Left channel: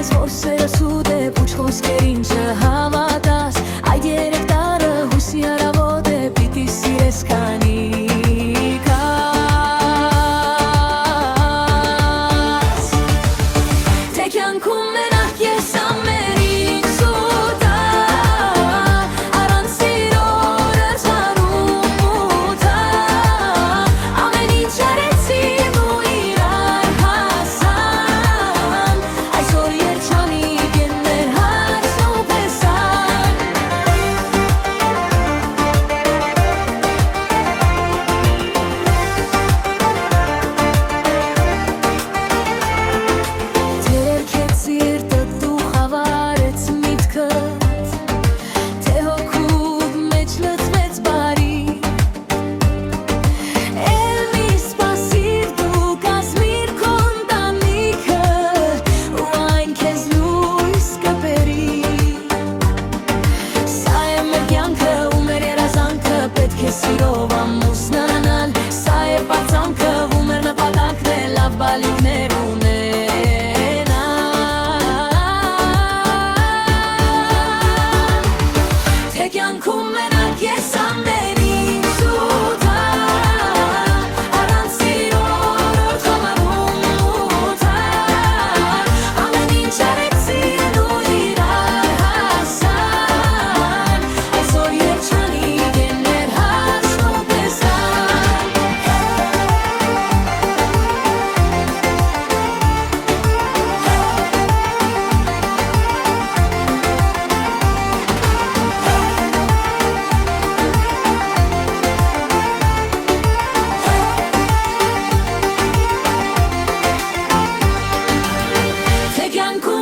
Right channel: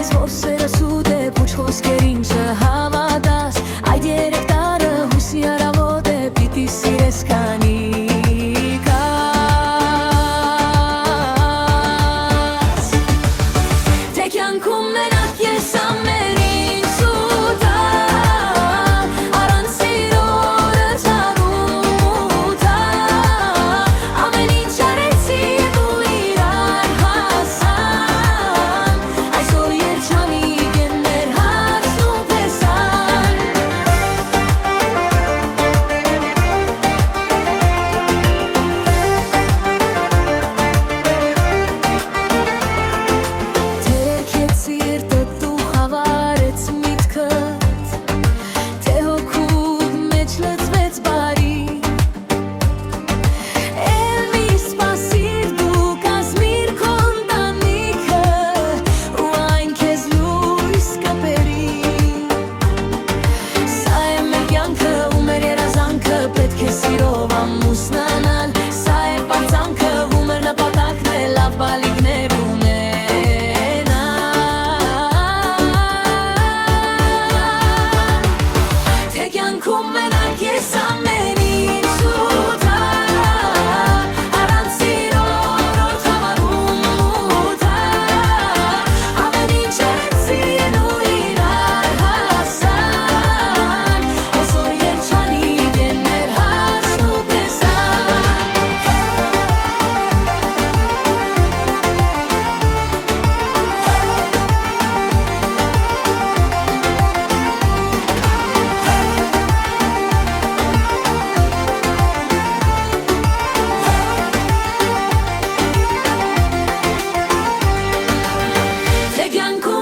ես, որ սերը սուտ է, պուչ խոսքերին չհավատաս, այդ երեք տարը հույսի առավոտ է, պիտի սիրես քանի Կյանքում մենակ ես ամեն ինչ սուտալ, առանց սիրո դարձարում ուտալ, ամեն ինչ արեցին ու իրար հասան, այսօր երջանիկ են մեր հարցն ու փեսան Սիրտդ դու խավարեց միտքդ, թե հոգուդ մեջ լծվեց բարի Էլ մի սպասիր դու կազմիր քո ընտանիքը ու այն քեզ լույս կբերի Սա է մեր կյանքը ու մեր երազանքը, պետք է սիրով ամուսնանալ Սա է պարծանքը ու մեր նպատակն է լավ բալիկներ ունել Կյանքում մենակ ես ամեն ինչ սուտալ, առանց սիրո օր խավարում ուտալ, ամեն ինչ արեցին ու իրար հասան, այսօր երջանիկ են մեր հարցն ու փեսան Կյանքում